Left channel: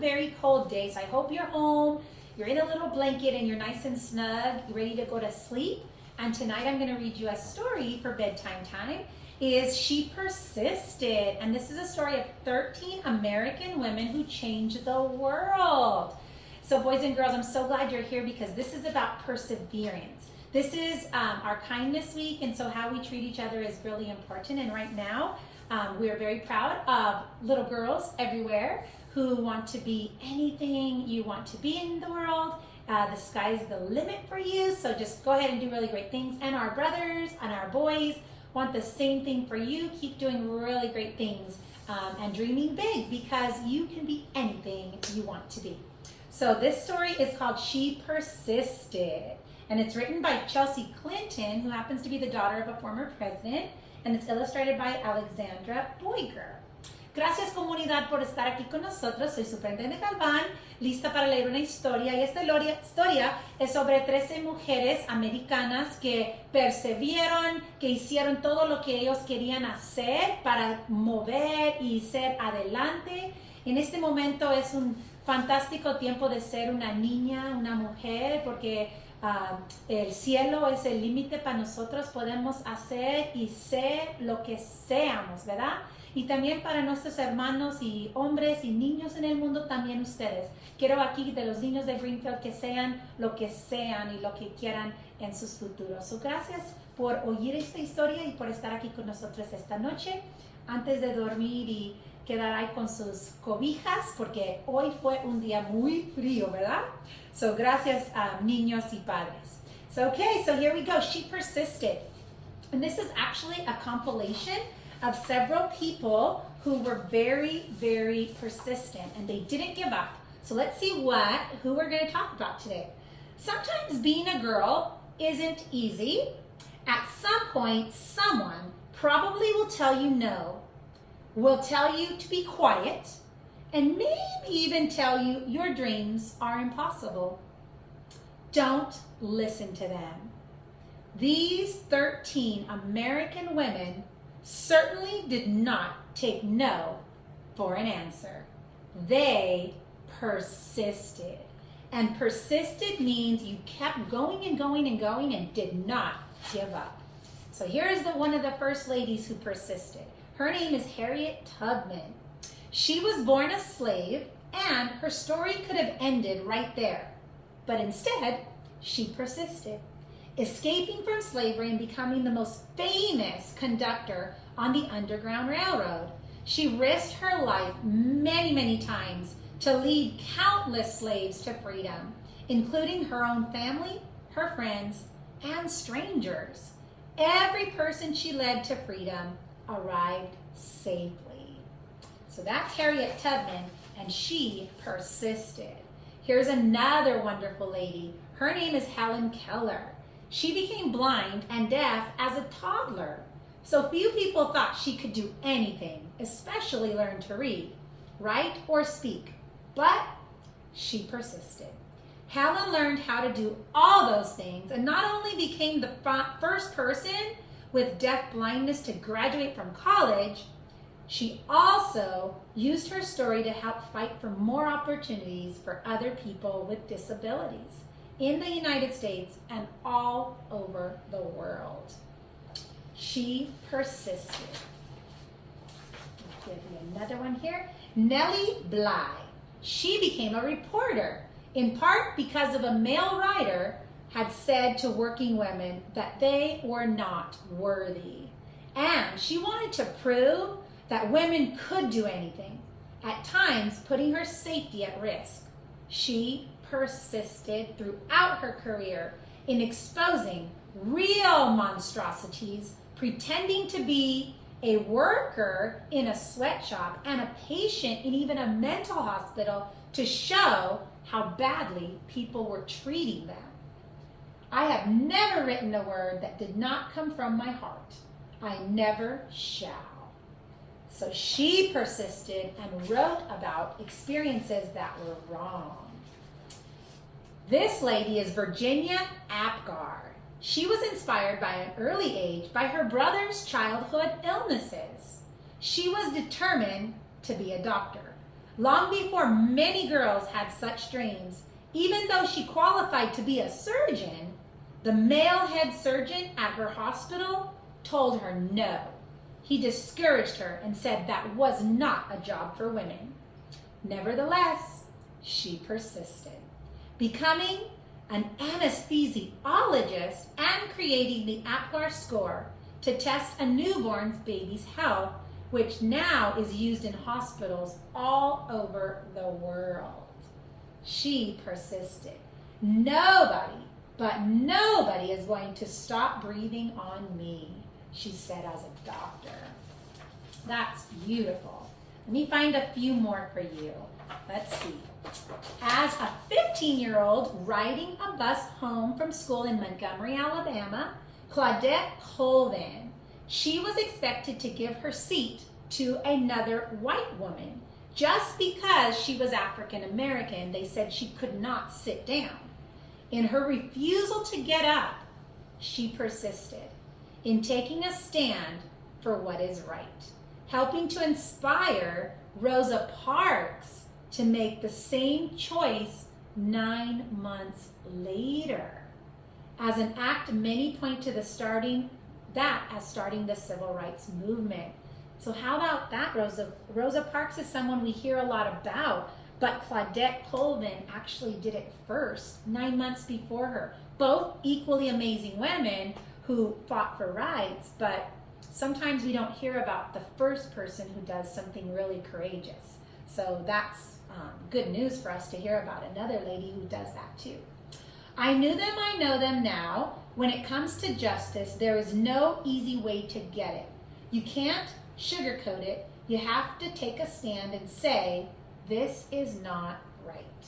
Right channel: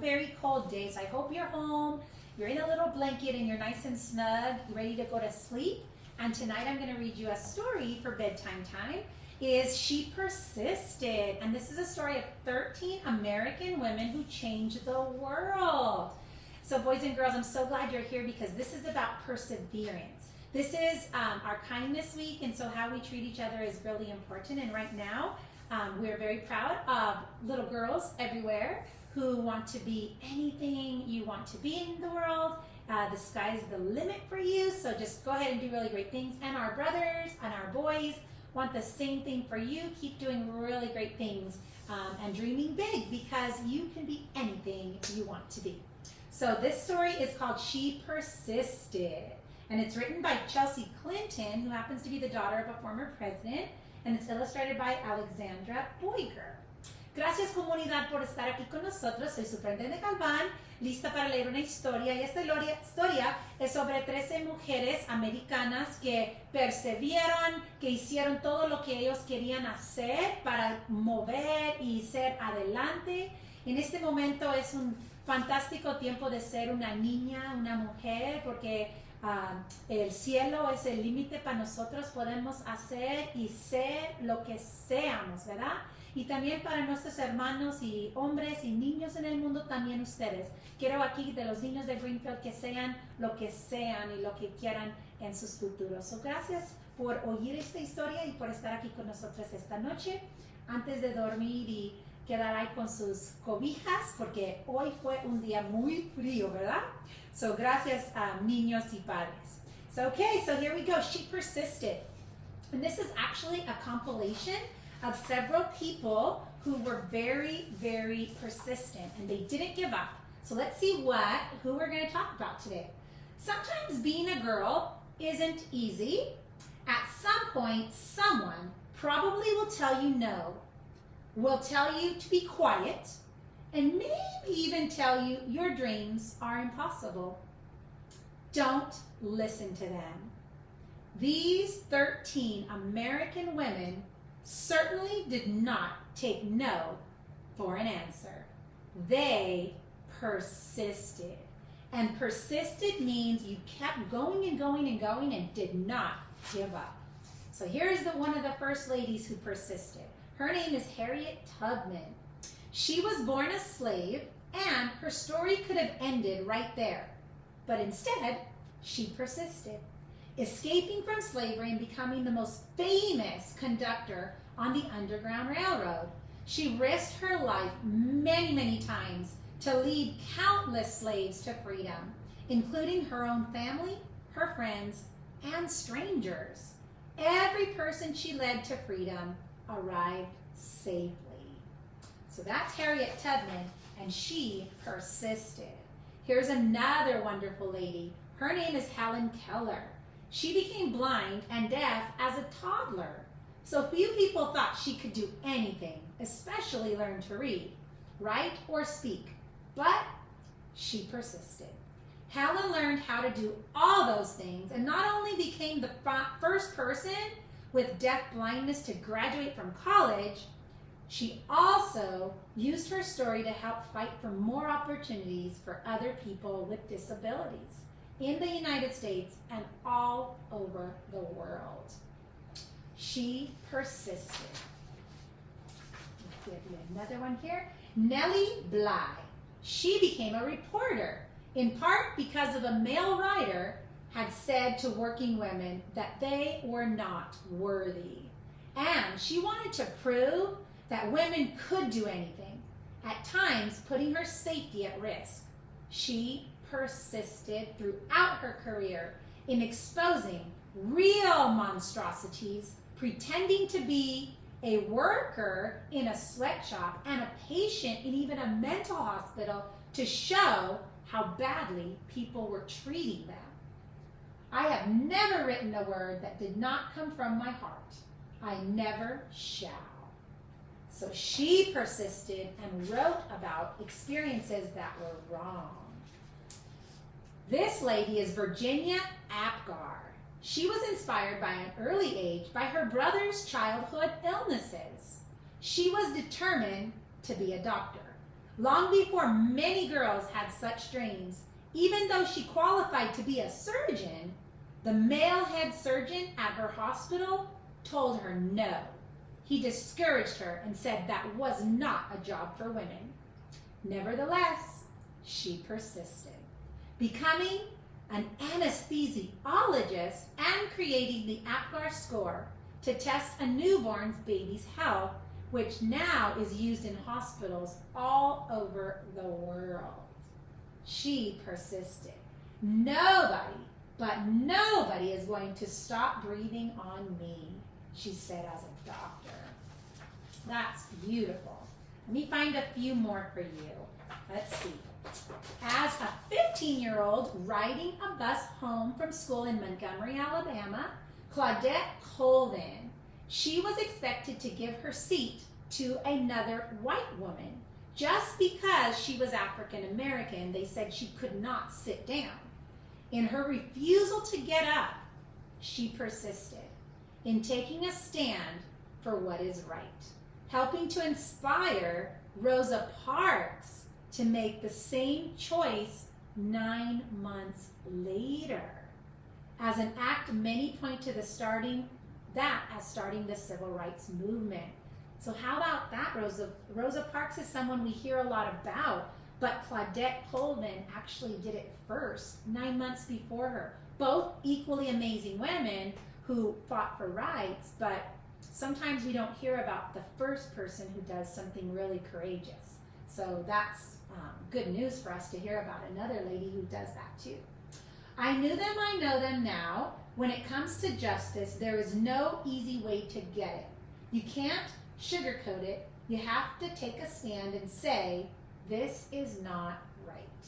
a very cold day, so I hope you're home, you're in a little blanket, and you're nice and snug, you're ready to go to sleep. And tonight I'm going to read you a story for bedtime time. Is She Persisted. And this is a story of 13 American women who changed the world. So boys and girls, I'm so glad you're here because this is about perseverance. This is our kindness week, and so how we treat each other is really important. And right now, we're very proud of little girls everywhere who want to be anything you want to be in the world. The sky's the limit for you, so just go ahead and do really great things. And our brothers and our boys want the same thing for you. Keep doing really great things and dreaming big, because you can be anything you want to be. So this story is called She Persisted, and it's written by Chelsea Clinton, who happens to be the daughter of a former president, and it's illustrated by Alexandra Boyger. Gracias, comunidad, por estar aquí con nosotros. Soy Superintendente Galván, lista para leer una historia. Y esta historia es sobre 13 mujeres americanas que perseveraron, que hicieron todo lo que ellos querían hacer para mover y ser adelante. En este momento es un fantástico tiempo de ser una niña, una mujer, porque el cielo es el límite para nosotros. Podemos hacer y ser lo que seamos, ¿verdad? Y también para nuestros hermanos y hombres y niños en el mundo, también ustedes. Quiero aquí de los niños de Greenfield que sean lo que sean y lo que quieran en sus futuros. So, gracias por oír esta historia y por estar aquí con nosotros esta noche. Antes de dormir y quedar ahí con sus cobijas, porque hoy fue un día muy frío, ¿verdad? So, gracias a niños y padres. So, okay, so here we go. She Persisted. And this is actually a compilation of several people who were very, very persistent, and they didn't give up. So let's see who we're going to talk about today. Sometimes being a girl isn't easy. At some point, someone probably will tell you no, will tell you to be quiet, and maybe even tell you your dreams are impossible. Don't listen to them. These 13 American women certainly did not take no for an answer. They persisted. And persisted means you kept going and going and going and did not give up. So here's one of the first ladies who persisted. Her name is Harriet Tubman. She was born a slave, and her story could have ended right there. But instead, she persisted, escaping from slavery and becoming the most famous conductor on the Underground Railroad. She risked her life many, many times to lead countless slaves to freedom, including her own family, her friends, and strangers. Every person she led to freedom arrived safely. So that's Harriet Tubman, and she persisted. Here's another wonderful lady. Her name is Helen Keller. She became blind and deaf as a toddler. So few people thought she could do anything, especially learn to read, write, or speak. But she persisted. Helen learned how to do all those things, and not only became the first person with deaf blindness to graduate from college, she also used her story to help fight for more opportunities for other people with disabilities in the United States and all over the world. She persisted. I'll give you another one here. Nellie Bly. She became a reporter, in part because of a male writer had said to working women that they were not worthy. And she wanted to prove that women could do anything, at times putting her safety at risk. She persisted throughout her career in exposing real monstrosities, pretending to be a worker in a sweatshop and a patient in even a mental hospital to show how badly people were treating them. I have never written a word that did not come from my heart. I never shall. So she persisted and wrote about experiences that were wrong. This lady is Virginia Apgar. She was inspired by an early age by her brother's childhood illnesses. She was determined to be a doctor. Long before many girls had such dreams, even though she qualified to be a surgeon, the male head surgeon at her hospital told her no. He discouraged her and said that was not a job for women. Nevertheless, she persisted, becoming an anesthesiologist and creating the Apgar score to test a newborn baby's health, which now is used in hospitals all over the world. She persisted. Nobody, but nobody is going to stop breathing on me, she said as a doctor. That's beautiful. Let me find a few more for you. Let's see. As a 15-year-old riding a bus home from school in Montgomery, Alabama, Claudette Coleman, she was expected to give her seat to another white woman. Just because she was African American, they said she could not sit down. In her refusal to get up, she persisted in taking a stand for what is right, helping to inspire Rosa Parks to make the same choice 9 months later. As an act, many point to starting the civil rights movement. So how about that, Rosa? Rosa Parks is someone we hear a lot about, but Claudette Coleman actually did it first, 9 months before her. Both equally amazing women who fought for rights, but sometimes we don't hear about the first person who does something really courageous. So that's good news for us to hear about another lady who does that too. I knew them, I know them now. When it comes to justice, there is no easy way to get it. You can't sugarcoat it. You have to take a stand and say, this is not right.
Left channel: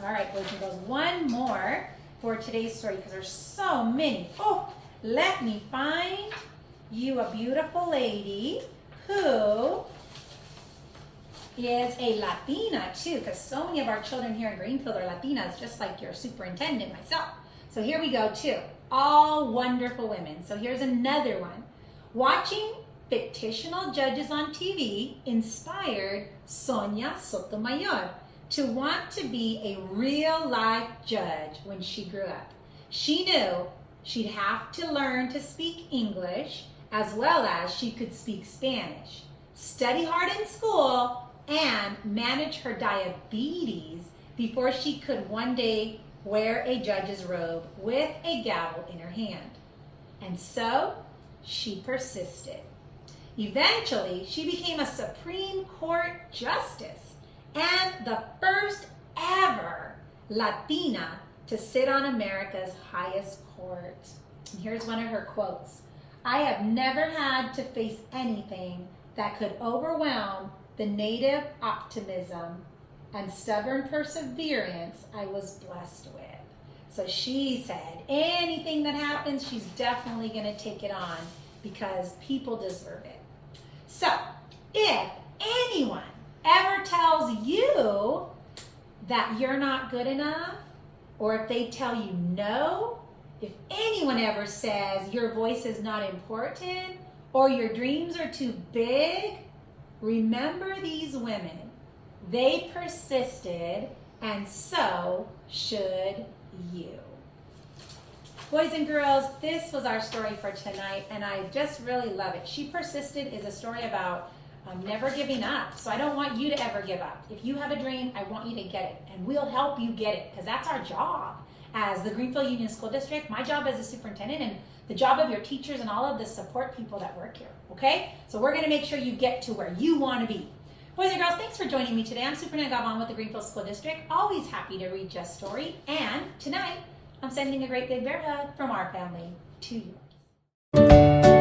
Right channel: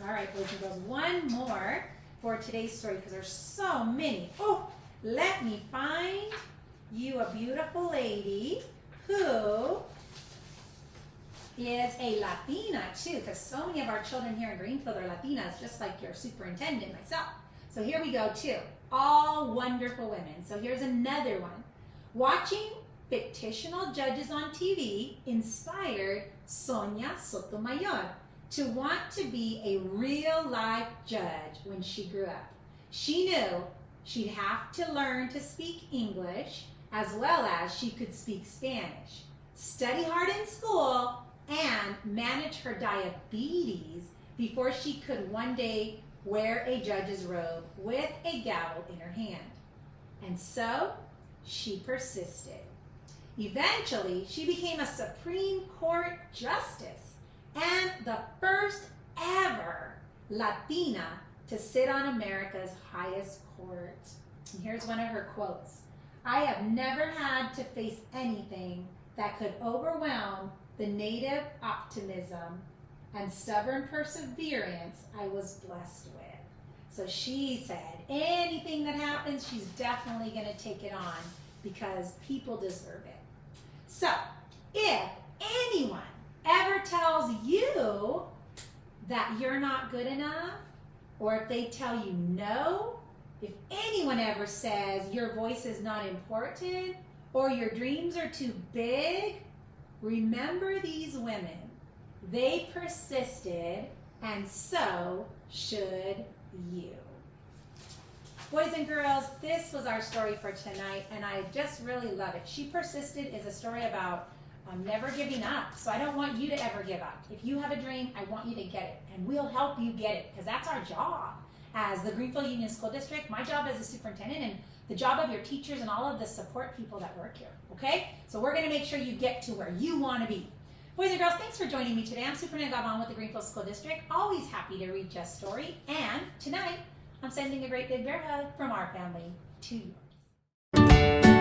All right, boys and girls, one more for today's story because there's so many. Oh, let me find you a beautiful lady who is a Latina too, because so many of our children here in Greenfield are Latinas, just like your superintendent, myself. So here we go too. All wonderful women. So here's another one. Watching fictional judges on TV inspired Sonia Sotomayor to want to be a real-life judge when she grew up. She knew she'd have to learn to speak English as well as she could speak Spanish, study hard in school, and manage her diabetes before she could one day wear a judge's robe with a gavel in her hand. And so she persisted. Eventually, she became a Supreme Court justice and the first ever Latina to sit on America's highest court. And here's one of her quotes. I have never had to face anything that could overwhelm the native optimism and stubborn perseverance I was blessed with. So she said, anything that happens, she's definitely going to take it on because people deserve it. So, if anyone ever tells you that you're not good enough, or if they tell you no, if anyone ever says your voice is not important, or your dreams are too big, remember these women. They persisted, and so should you. Boys and girls, this was our story for tonight, and I just really love it. She Persisted is a story about never giving up. So I don't want you to ever give up. If you have a dream, I want you to get it, and we'll help you get it because that's our job as the Greenfield Union School District, my job as a superintendent, and the job of your teachers and all of the support people that work here, okay? So we're going to make sure you get to where you want to be. Boys and girls, thanks for joining me today. I'm Superintendent Gavon with the Greenfield School District. Always happy to read Jeff's story. And tonight, I'm sending a great big bear hug from our family to yours.